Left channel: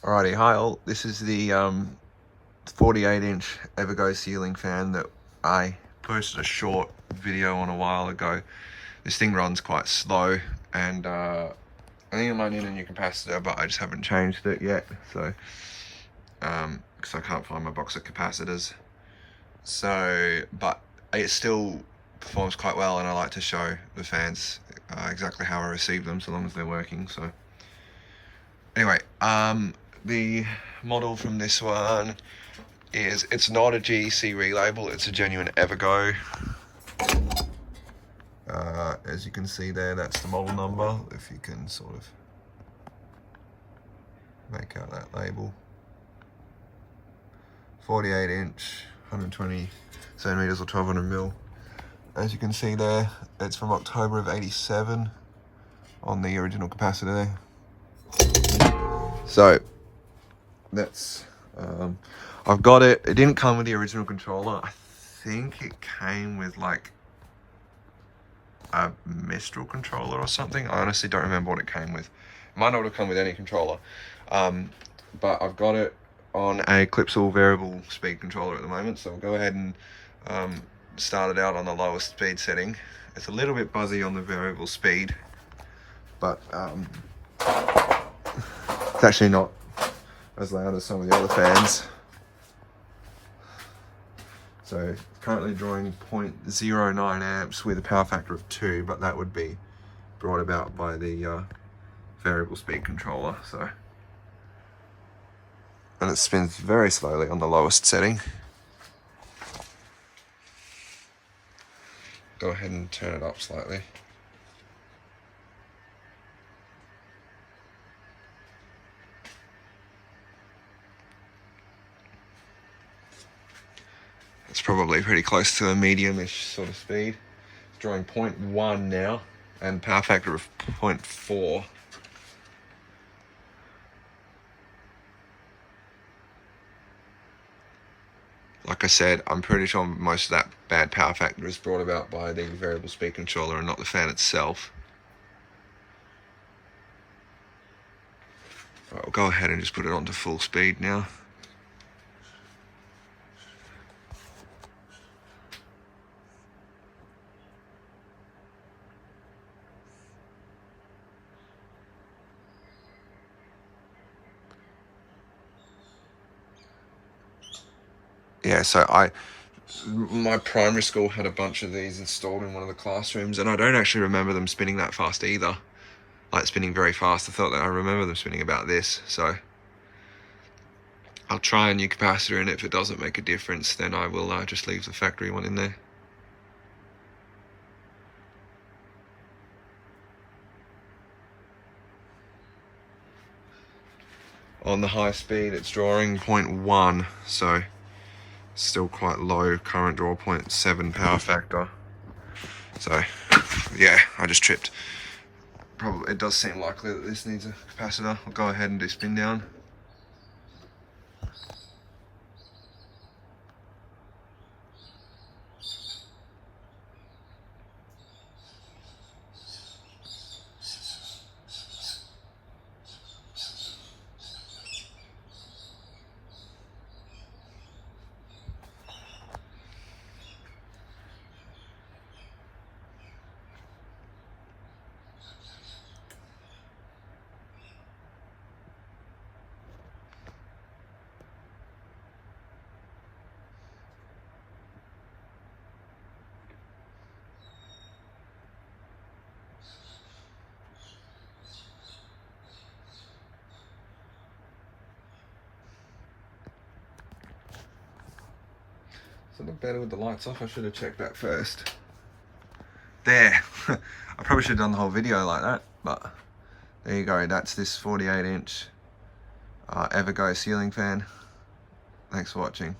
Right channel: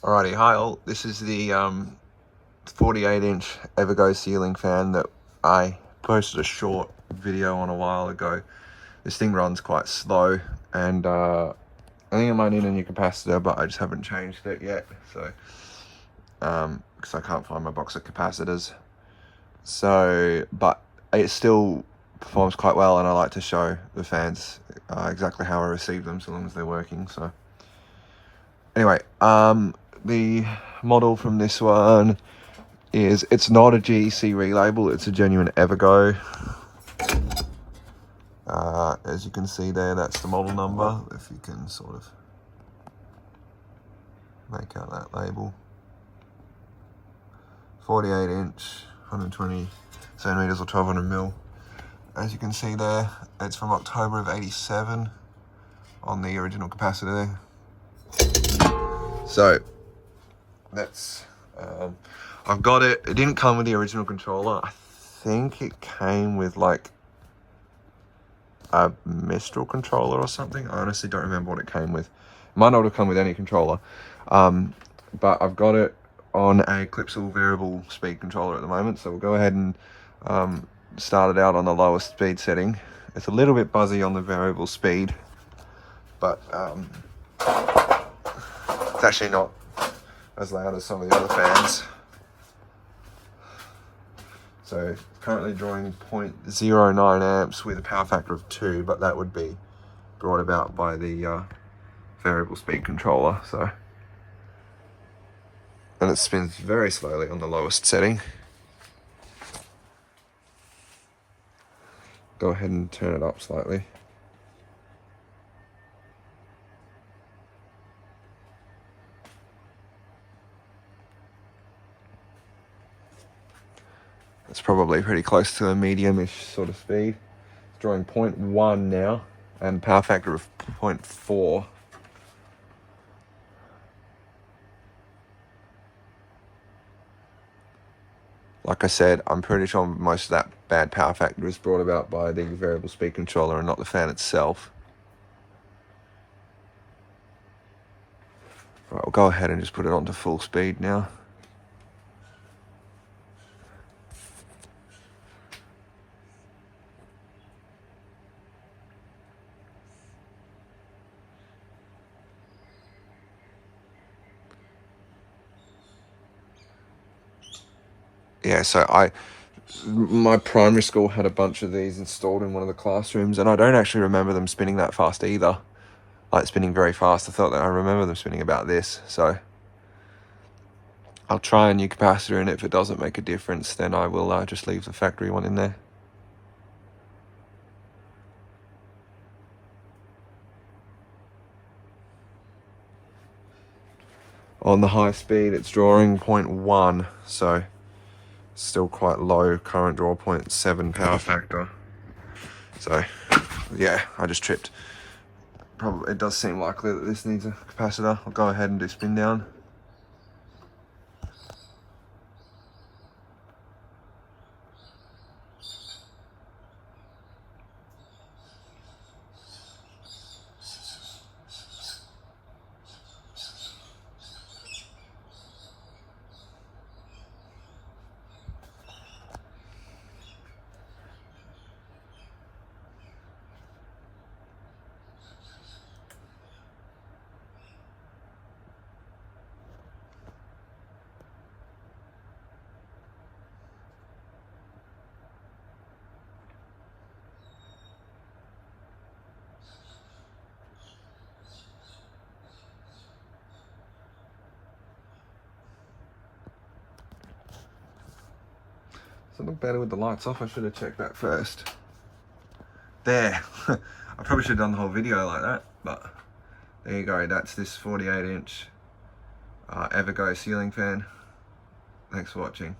Alrighty, hi all. This is the 48-inch Evergo ceiling fan that I posted a short video on a while ago. This thing runs quite slow, and I think I might need a new capacitor, but I just haven't changed it yet. So, because I can't find my box of capacitors. So, but it still performs quite well, and I like to show the fans exactly how I receive them, so long as they're working. So, anyway, the model from this one is, it's not a GEC relabel, it's a genuine evergo. As you can see there, that's the model number, if you can sort of make out that label. 48-inch, 120 centimeters or 1200 mil. As you can see there, it's from October of '87 on the original capacitor there. So that's I've got it. It didn't come with the original controller. I think it came with like a Mistral controller or something. I honestly don't remember what it came with. It might not have come with any controller, but I've got it on a Clipsal variable speed controller at the moment. So we'll go ahead and start it out on the lowest speed setting. It's a little bit buzzy on the variable speed, but it's actually not as loud as some of the other fans. So currently drawing 0.09 amps with a power factor of 2, but that would be brought about by the variable speed controller. So, and it spins very slowly on the lowest setting. Go ahead and turn it up slightly. It's probably pretty close to a medium-ish sort of speed. It's drawing 0.1 now, and power factor of 0.4. Like I said, I'm pretty sure most of that bad power factor is brought about by the variable speed controller and not the fan itself. Right, we'll go ahead and just put it onto full speed now. Yeah, so my primary school had a bunch of these installed in one of the classrooms, and I don't actually remember them spinning that fast either. Like spinning very fast. I thought that I remember them spinning about this, so I'll try a new capacitor, and if it doesn't make a difference, then I will just leave the factory one in there. On the high speed, it's drawing 0.1, so still quite low current draw, 0.7 power factor. So yeah, I just tripped. Probably it does seem likely that this needs a capacitor. I'll go ahead and do spin down. Does it look better with the lights off? I should have checked that first. There. I probably should have done the whole video like that, but there you go. That's this 48-inch evergo ceiling fan. Thanks for watching.